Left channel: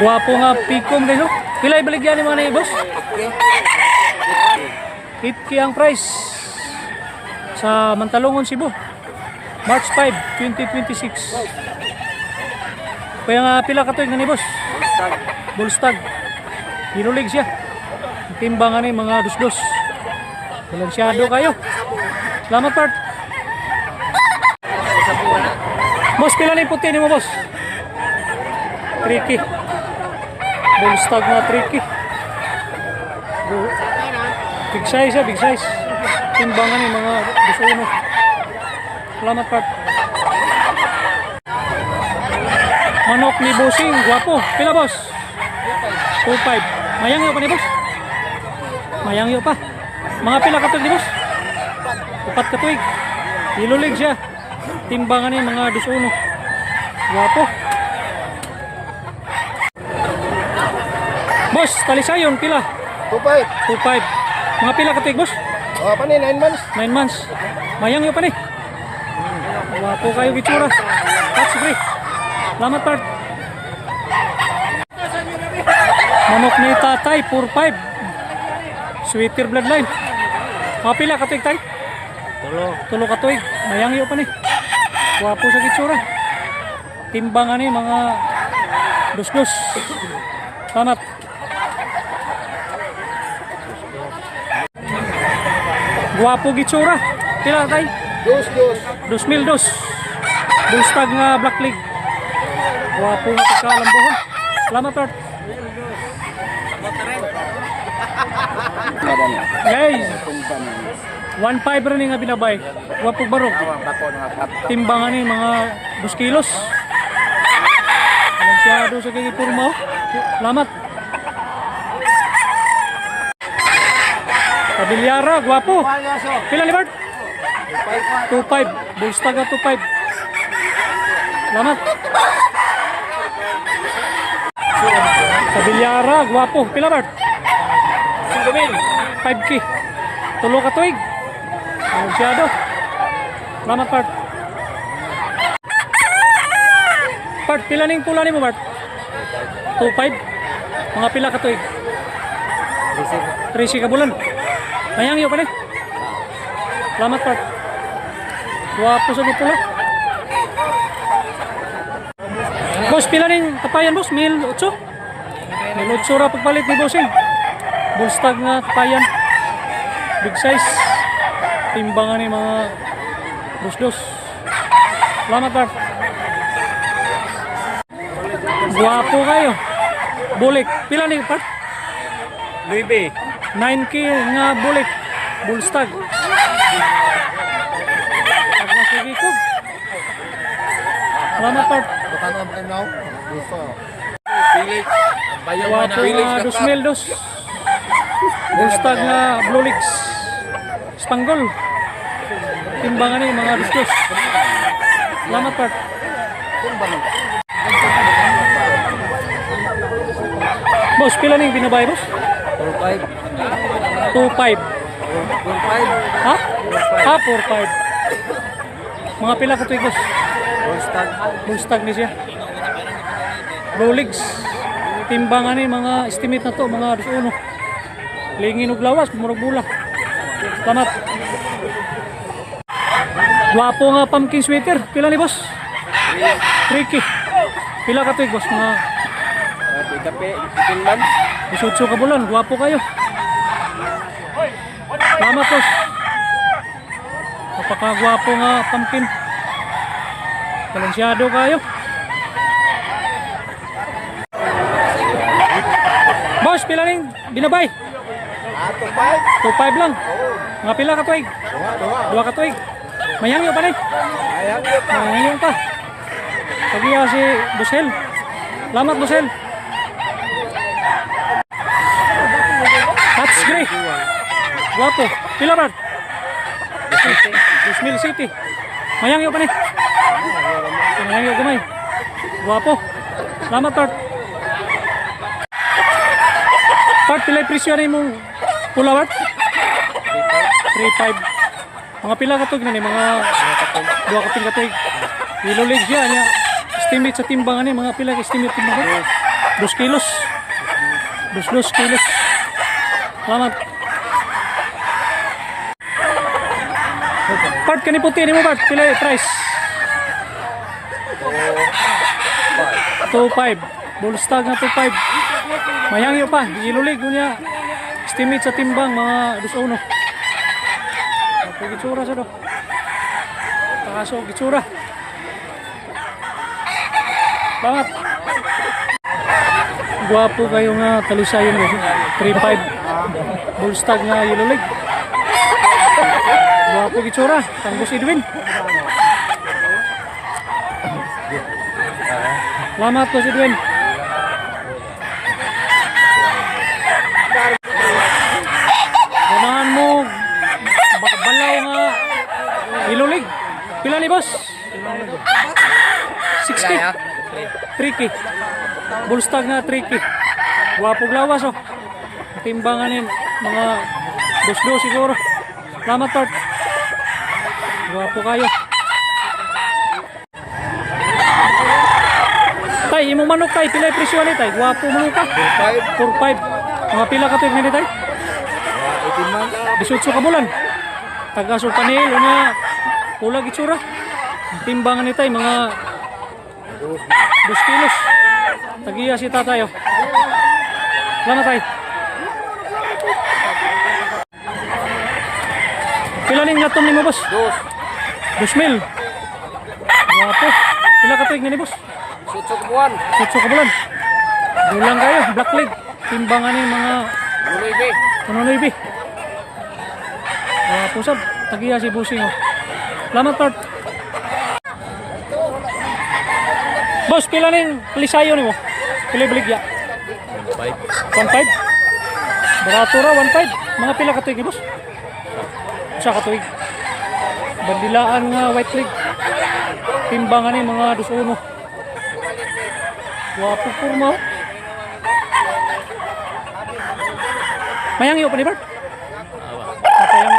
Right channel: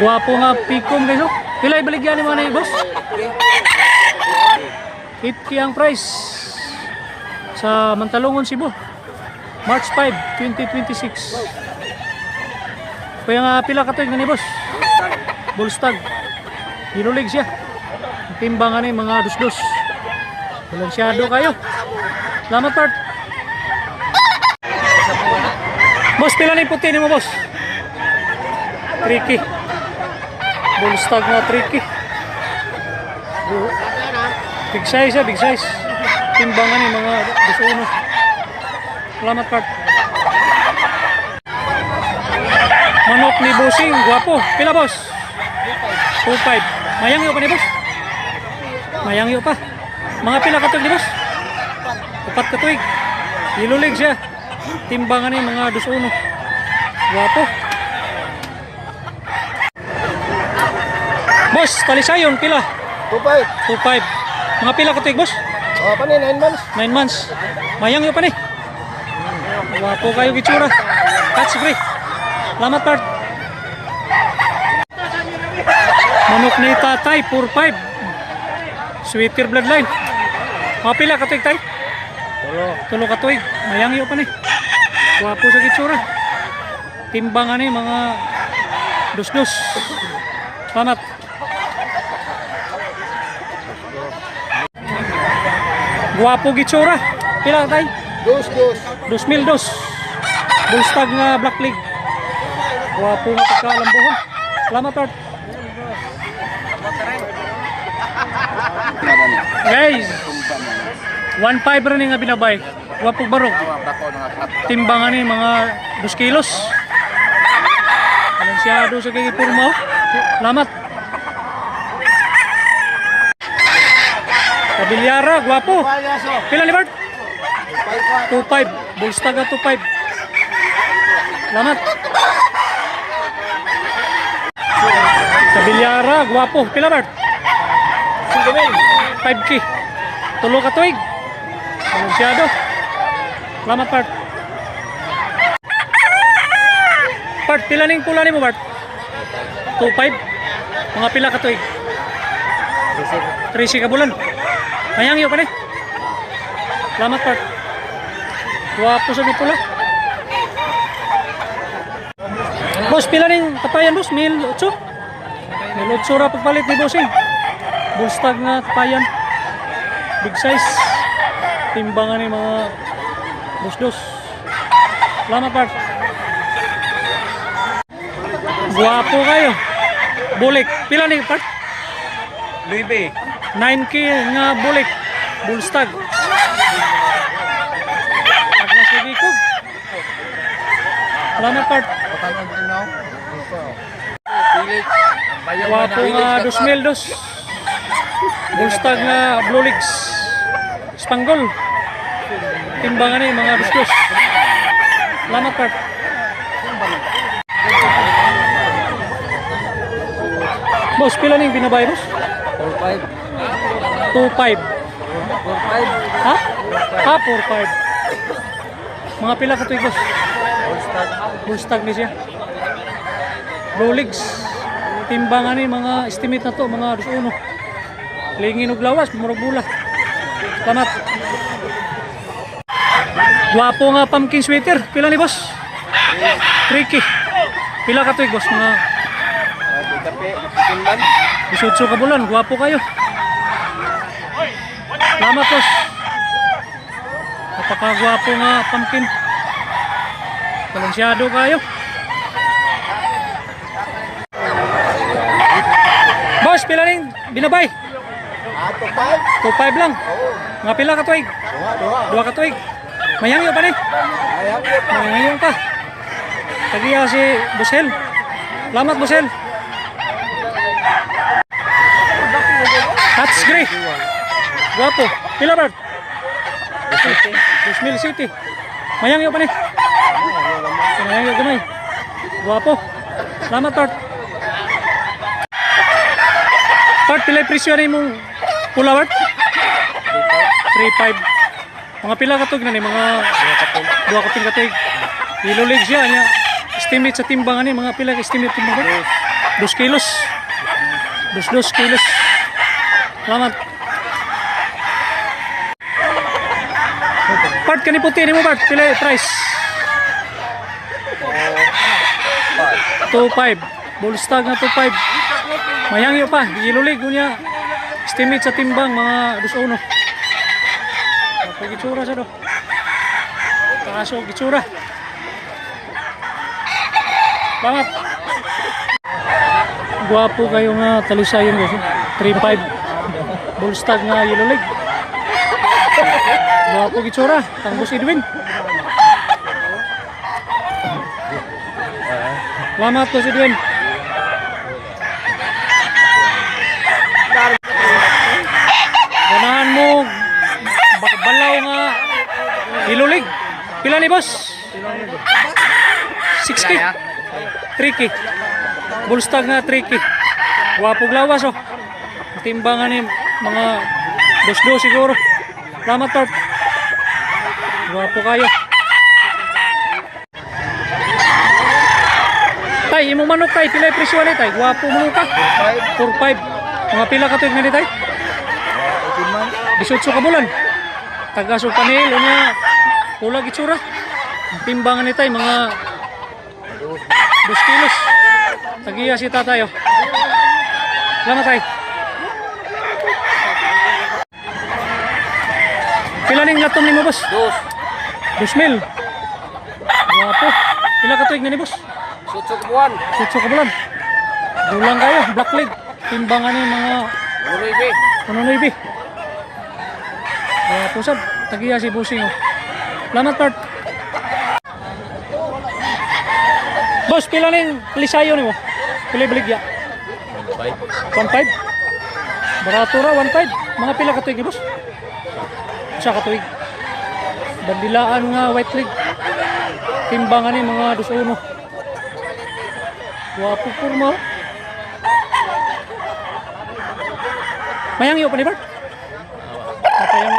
Guwapo nga pikom guys. Oh. Pila ibaligyan ni mga na boss? 8K ang price sa Mantalongon, Cebu. March 5, 2026. Kaya nga pila katuig nga ni boss? Bullstag. Hinulig siya. Timbangan ni mga dus-dus. Balansyado kayo. Salamat part. Boss, pila na yung puti ni mo boss? 3K. Bullstag na 3K. Big size ya, big size. Timbangan ni mga dus-uno. Salamat part. Manok ni Bossing, guwapo. Pila boss? 2.5. Mayangyo pa ni boss? Mayangyo pa. Mga pila katuig ni boss? 4 katuig. Ilulig siya. Timbangan ni mga dus-uno. Guwapo. Boss, talisayon pila? 2.5. 2.5. Mga pila katuig boss? Oh, pa ni 9 months. 9 months. Mayangyo pa ni. Guwapo kayo gitsura. Catch free. Salamat part. Manok ni tatay 4.5. Sweeter bloodline. Mga pila katuig tay? Tulo katuig. Mayangyo pa ni. Guwapo sa gitsura. Timbangan ni mga dus-dus. Salamat. Guwapo gitsura. Pila tay? 2,000 dos. Bullstag nga black leg. Guwapo nga pagkalambuhon. Salamat part. Guys, 1.5 rin nga binabay. Guwapog barog. Timbangan ni mga 2 kilos. Balansyado sa kay purma. Salamat. Kabilyara, guwapo. Pila ni Bart? 2.5. Bullstag nga 2.5. Salamat. Kabilyara, guwapo. Pila Bart? 5K. Tulo katuig. Balansyado. Salamat Bart. Bart, pila ning pula ni mo Bart? 2.5. Mga pila katuig? 3 ka bulan. Mayangyo pa ni. Salamat Bart. Guwapo sa pula. Boss, pila ning tapayan boss? 1,800? 1,800 ra pagpalit ni Bossing. Bullstag nga tapayan. Big size. Timbangan ni mga dus-dus. Salamat Bart. Guwapo kayo. Bulik. Pila ni Bart? 9K nga bulik. Bullstag. Sige ko. Salamat Bart. Guwapo nga 2,000 dos. Bullstag nga Blue Legs. Spangle. Timbangan ni mga dus-dus. Salamat Bart. Boss, pila ning binabay boss? 4.5. 2.5. 4.5. Ha? Ha, 4.5. Mga pila katuig boss? Bullstag ni siya. Blue Legs. Timbangan ni mga estimate na to, mga 2-1. Lingin og lawas, murag bula. Salamat. Guwapo nga pumpkin sweater. Pila ni boss? 3K. Pila katuig boss? Mga 18 ka bulan. Guwapo kayo. Salamat boss. Napakagwapo nga pumpkin. Balansyado kayo. Boss, pila ning binabay? 2.5 lang. Mga pila ka tuig? 2 ka tuig. Mayangyo pa ni? Mayangyo pa. Tagiya si Busel. Salamat Busel. That's great. Guwapo. Pila Bart? 2,000 City. Mayangyo pa ni? Mayangyo gamay. Guwapo. Salamat Bart. Bart, pila presyo na mong pula Bart? 3.5. Mga pila katug na ni mga 2 kaping katug. Ilulig siya niya. Estimate sa timbangan ni mga pila estimate timbang Bart? 2 kilos. 2 kilos. Salamat. Part kani puti ni mo Bart, pila price? 2.5. Bullstag na 2.5. Mayangyo pa, gilulig unya. Estimate sa timbang mga 2.1. Ako gitsura sa do. Paso gitsura. Salamat. Guwapo kayo nga talusayon guys. 3.5. Bullstag nga gilulig. Guwapo gitsura, tanggos Edwin. Salamat po si Edwin. Ganahan mo balaw nga ilulig. Pila ni boss? 6K. 3K. Bullstag nga 3K. Guwapo glawas oh. Timbangan ni mga 2-2 siguro. Salamat Tart. Guwapo kayo. Tay, imong manok tay, pila yung presyo ni tay? Guwapo mo ka. 4.5. Mga pila ka tuig na ni tay? 18 months. 18 ka bulan. Taga Supanil, unya kulag itsura. Ang timbangan ni tay, mga 2 kilos. Tagiya si tatayo. Salamat tay. Pila ning latom ni mo boss? 2,000. Guwapo. Pila ka tuig na ni boss? Sutsok buwan. 8 ka bulan. Dulang kayo, black leg. Timbangan ni mga Buribe. 1.9. Guwapo sad. Tagiya si Busing oh. Salamat Tart. Boss, pila ning lisayo ni mo? Pila baligya? 1.5. Barato ra 1.5. Mga pila ka tuig ni boss? Sa ka tuig. Bandilaan nga white leg. Timbangan ni mga 2.1. Guwapo kurma. Mayangyo pa ni Bart? Papayang.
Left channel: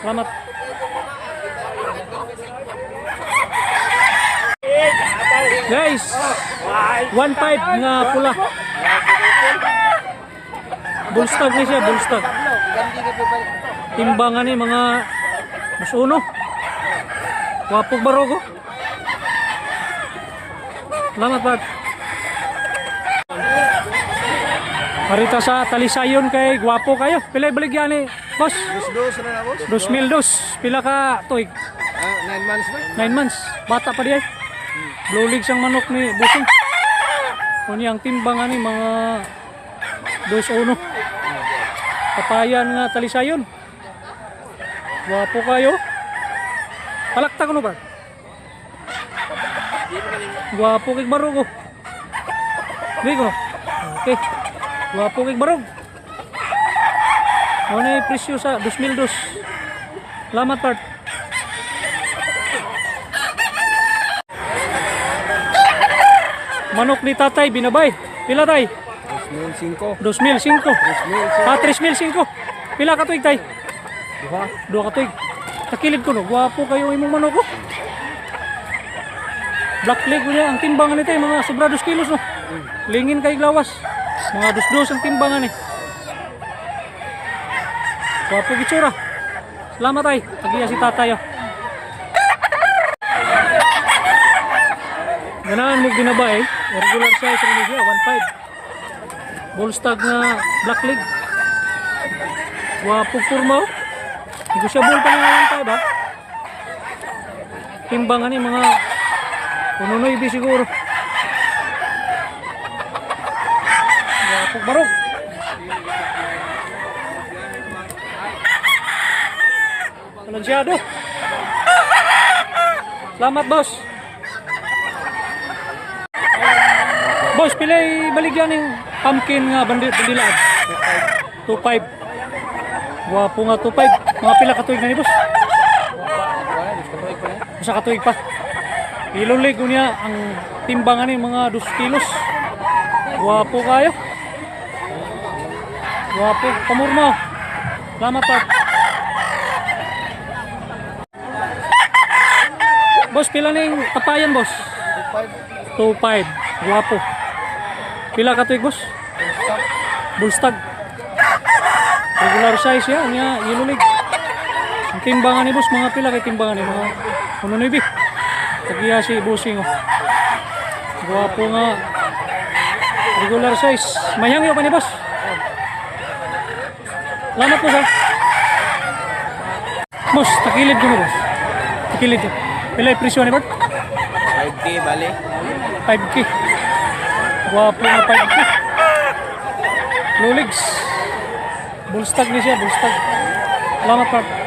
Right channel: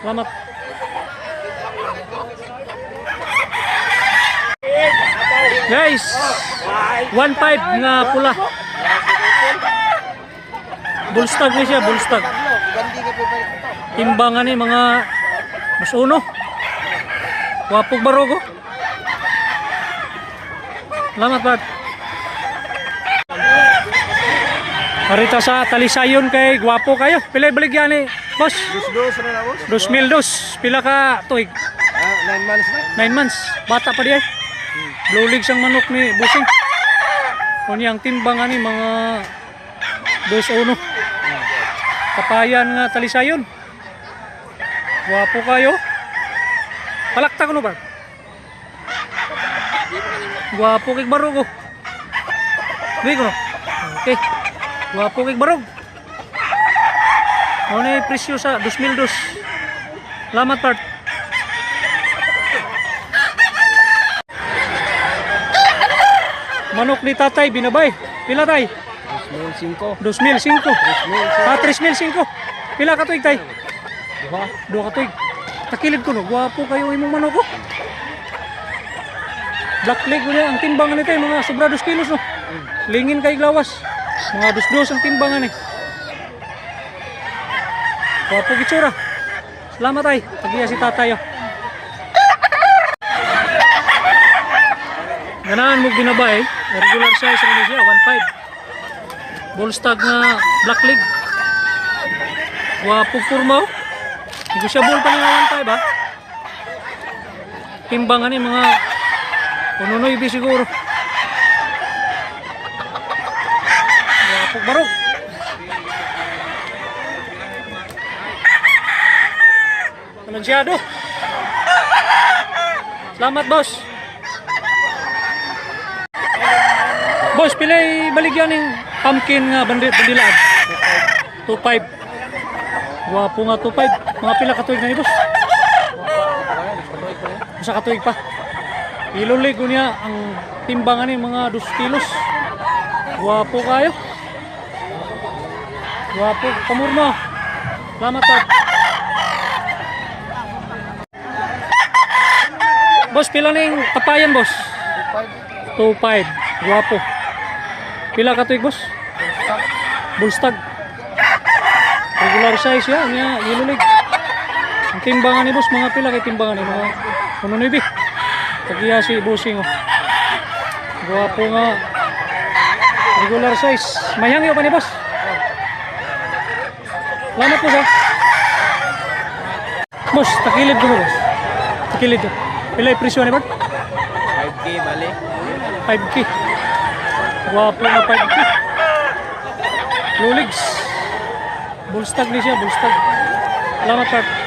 Salamat. Guys, 1.5 nga pula. Bullstag ni siya, bullstag. Timbangan ni mga 2.1. Guwapog barogo. Salamat Bart. Marita sa talisayon kay guwapo kayo. Pila baligyan ni boss? 2,002. Pila ka tuig? 9 months na. 9 months. Bata pa di ay. Blue league siyang manok ni Busing. Kunyang timbangan ni mga 2.1. Kapayan nga talisayon. Guwapo kayo. Palakta ko no Bart? Guwapo kay barog oh. Bigo. Okay. Guwapo kay barog. Ano yung presyo sa 2,002. Salamat Bart. Manok ni tatay binabay. Pila tay? 2,005. 2,005. 3,005. Pila ka tuig tay? Duha ka tuig. Takilid ko no. Guwapo kayo imong manok oh. Black leg niya ang timbangan nito mga sobra 2 kilos no. Lingin kay glawas. Mga 2-2 ang timbangan eh. Guwapo gitsura. Salamat ay. Tagiya si tatayo. Ganahan mo ginabay. Regular size rin siya 1.5. Bullstag nga black leg. Guwapo kurma oh. Negosyable pa nga 1.5 ha. Timbangan eh mga 1.9 siguro. Guwapog barog. Talansyado. Salamat boss. Boss, pilay baligyan ng pumpkin nga bandilaan. 2.5. Guwapo nga 2.5. Mga pila katuig na ni boss? Masa katuig pa. Ilulig niya ang timbangan ni mga 2 kilos. Guwapo kayo. Guwapo pamurno. Salamat Tart. Boss, pila ning tapayan boss? 2.5. Guwapo. Pila ka tuig, boss? Bullstag. Regular size yan, niya, yellow leg. Ang timbangan ni boss, mga pila kay timbangan ni mga 1.9. Tagiya si bossing, oh. Guwapo nga. Regular size. Mayangyo pa ni boss. Salamat boss, ha. Boss, takilid ko no, boss. Takilid. Pila yung presyo ni Bart? 5K, bali. 5K. Guwapo nga 5K. Low legs. Bullstag ni siya, bullstag. Salamat, Bart.